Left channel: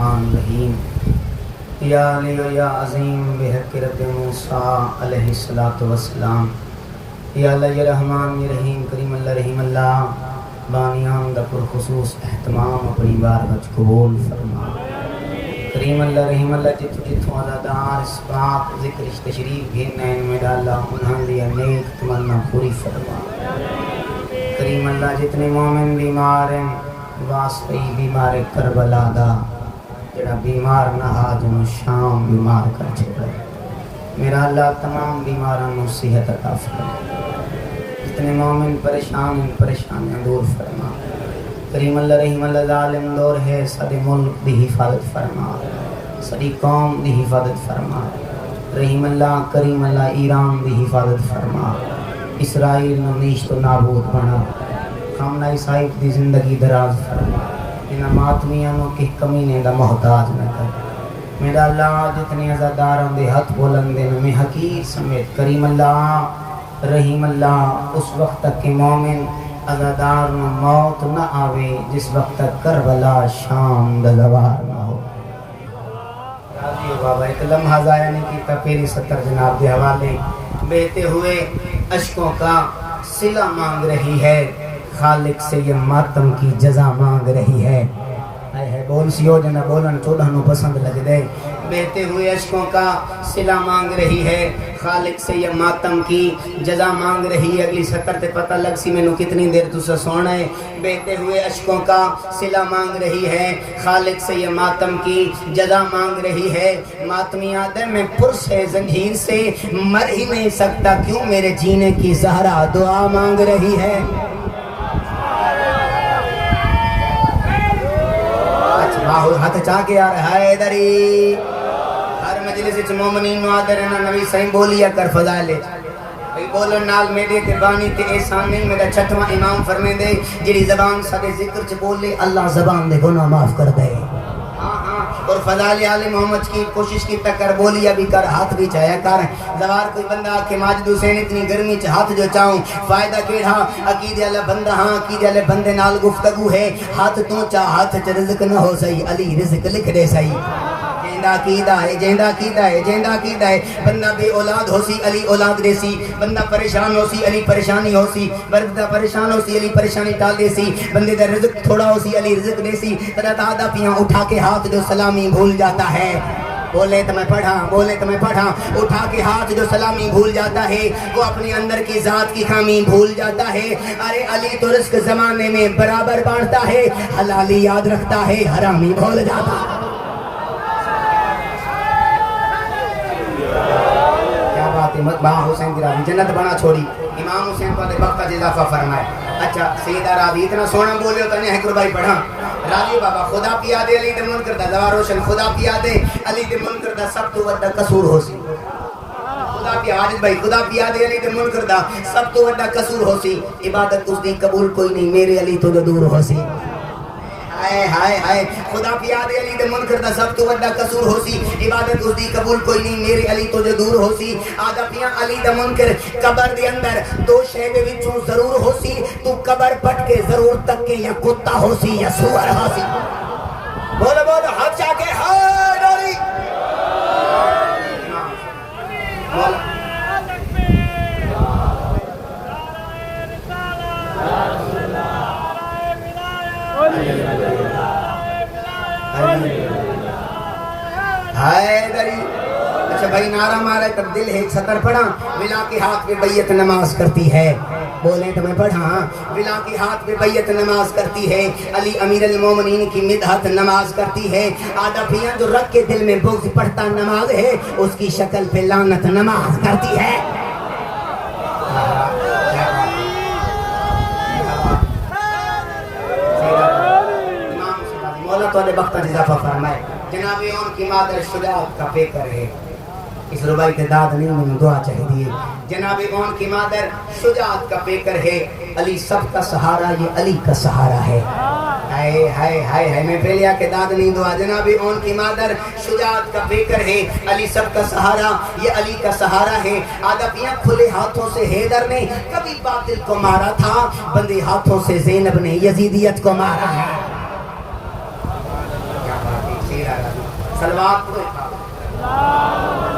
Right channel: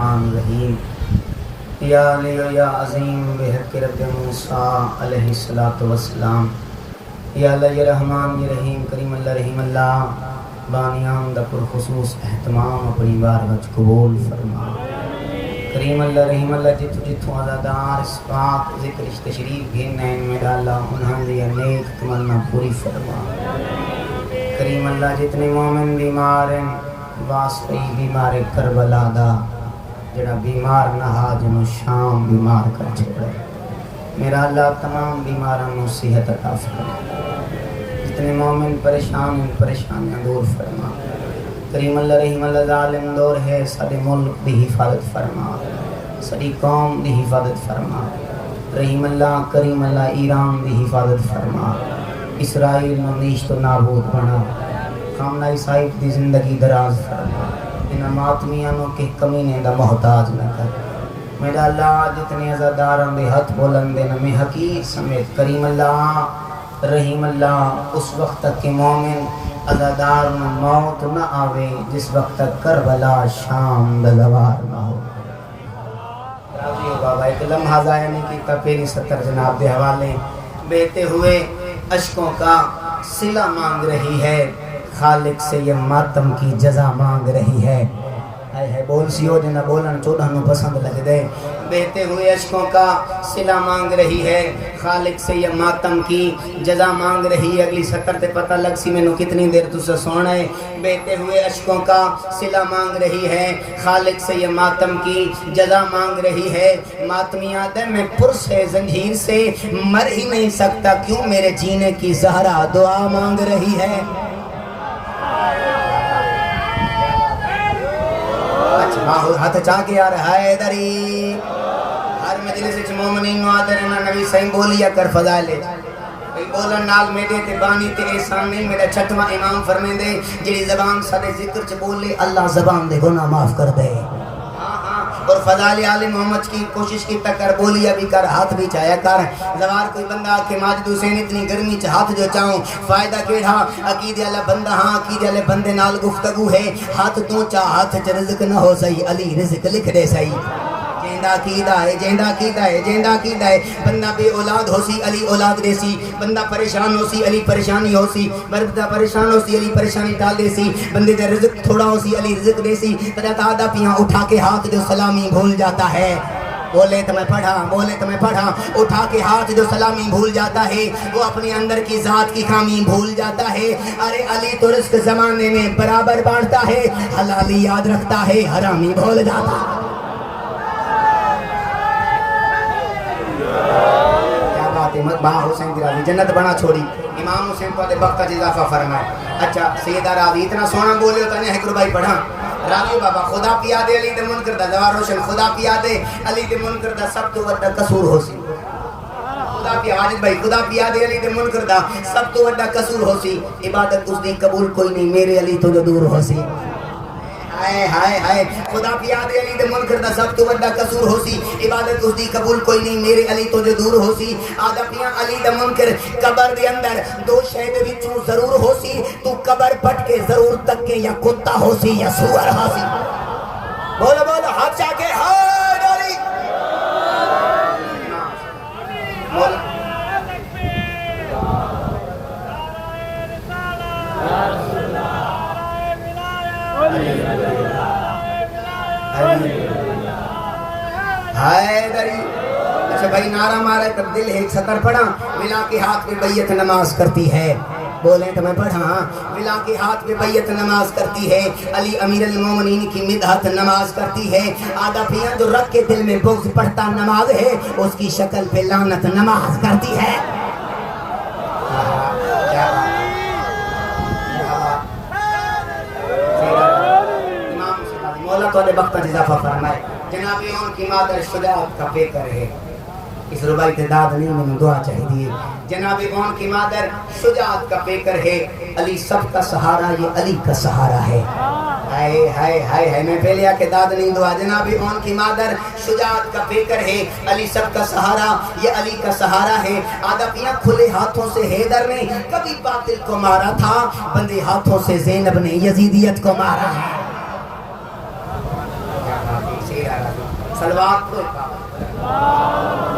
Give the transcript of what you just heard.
رحیم یا علی یا عظیم بحق رب موسیٰ علیہ الصلوۃ والسلام یا اللہ یا رحمان یا رحیم کریم اللہ رحیم اللہ بانیان دا پر خصوص اہتمام اپنی بار وچ قبول فرما کریم اللہ رحیم اللہ جتوں آزادار اس پاک ذکر تشریف گھیرنا ہے میرا اللہ انہاں دی نیک تمنا پوری فرما کریم اللہ جتنے مومن بیمار ہیں واسطے بیمار کربلا دا جڑا بیمار نہ ہا جنوں شام بیمار کر چھڑا میرا اللہ تمام بیماراں نوں صحت عطا فرما جتنے مومن پریشان ہیں پریشانیاں دور فرما کریم اللہ رحیم اللہ ظالم دور ہے سارے ملک دی حفاظت فرما ساری قوم دی حفاظت فرما رحیم اللہ کریم اللہ ایران دی حفاظت فرما اسرائیل نو نیست و نابود بنا خامنہ عیسائی دی زندگی دراز فرما انہاں ماتمیاں نو کہ کمینے دا محتاج نہ کر میرا اللہ جتنے عزاداراں دے ہاتھ بلندے میں حقیر سمیت کریم اللہ رحیم اللہ اس وقت تک کہ مومن عزادار نہ موت نہ آوے جس وقت تک کربلا شام دلوار نہ ہو راضی ہو بابا ایک لمحہ ضائع نہیں کیتا پھر 70 جناب دے حوالے بہتے ہوئے اشکوں کا صلہ مانگ رہی ہے خالق سے یہ ماتم کی جزا مانگ رہی ہے بول سی ہو دینا بولن 14 نو پسند لگ دے بہتے ہوئے اشکوں کا صلہ مانگ رہی ہے خالق سے یہ ماتم کی جزا مانگ رہی ہے اگلی 70 تے پتہ لگ سی میں نو کتنی دیر تو سے سونا ہے بہتے ہوئے اشکوں کا صلہ مانگ رہی ہے خالق سے یہ ماتم کی جزا مانگ رہی ہے ماتمیاں دل میں پرس ہے زنجیر سے مر ہی نہیں سکتا کیوں میرے جینے کی زہرا دعا مانگ رہی ہے باہر ہاتھ چاہ کے آ رہا ہے دری ہر مجلس وچ مومنین معادر نبی صحیح بولیا کر فضائل بولن نال میرے تے بانی تے احسان نہیں میرا چھٹواں امام فرمیندے جڑی زبان سارے ذکر چ بولے اللہ زبان دے گناہ معاف کر دے اور فضائل آل محمد کی کوشش کی ٹکر بولیا بھی کر ہاتھ بھی چاہیا کر زوار کوئی بندہ کہ ماجد حسین اتنی گرمی چ ہاتھ جو چاہوں فائدہ کیڑا عقیدے والا بندہ ہاں عقیدے والے بندے نال گفتگو ہے ہاتھ تو چاہ ہاتھ چ رزق نہ ہو سہی علی رزق لکھ دے سہی جیندا کیدا ہے بندہ بے اولاد ہو سی علی اولاد دے سی بندہ پریشان ہو سی علی پریشانی ہو سی بندہ پریشان ہو سی علی پریشانی ٹال دے سی بندے دا رزق تھوڑا ہو سی علی رزق دے سی تیرا دادا پیاں اٹھا کے ہاتھ جو سلامی بھول جاتا ہے بولے تو میں پڑھا اٹھا کے ہاتھ جو سلامی بھول جاتا ہے وہ اپنے اندر کی ذات کی خامی بھول جاتا ہے ارے علی تو رزق زمانے میں برابر بانٹتا ہے حلالی یاد رکھتا ہے حرامی بھول جاتا ہے بہا حسین دی راوی جنت بنا چھوڑی امام حسین کو وقت کا اضافہ فرمائے اچھا سیدہ راوی اتنا سونا بولے ہوتا نہیں ہے بھائی پڑھا راوی بابا خدا پیا دے علی دے منکر دا دوار روشن خدا پیا دے علی دے منکر دا سب تو وڈا قصور ہو سی خدا پیا حاجت بھائی خدا پیا دے علی دے منکر دا سب تو وڈا قصور ہو سی عبادت اس دی قبول کوئی نہیں میرے علی تو جو دور ہو سی ہائے خدا پیا دے علی دے منکر دا سب تو وڈا قصور ہو سی عبادت اس دی قبول کوئی نہیں میرے علی تو جو دور ہو سی آدھا پیا علی دا منکر قبر دے اندر دو شے دے وچوں ضرور ہو سی تو قبر پٹ کے ضرور تک کے یا کتا ہو سی یا سور ہو سی بولو بولو ہاتھ چاہ کے ہائے ڈاری مولا ہائے دری اچھا بھائی نعرہ مارے پر دل ہے 70 پڑھا ملا کے ہاتھ پہ بیعت نماز کرتی ہے بولیں تو میں پڑھا ملا کے ہاتھ پہ بیعت نماز کرتی ہے علی امیر المومنین کی مدحت نماز کرتی ہے آدھا پھیاں جو رکھ کے دل میں بغض پڑھتا نماز ہے اس کی شکل پہ لعنت نماز کرتی ہے مولا تو نے وقت اضافہ فرمائے جناب ان کی مادر شجاعت کا پیکر ہے اس ربائی کے داد نہیں میں دعا چاہیے جناب ان کی مادر شجاعت کا پیکر ہے علی سب کا سہارا یہ علی کا سہارا ہے ہائے میں پہلے کے داد نہیں دعا جناب ان کی مادر شجاعت کا پیکر ہے علی سب کا سہارا یہ علی کا سہارا ہے آدھا پیاں کھلے ہاتھوں سے حیدر نے کبھی باطل کو مارا تھا بندے ہاتھوں سے زینب نے یزیدیت کو مارا ہے صلوات پڑھو.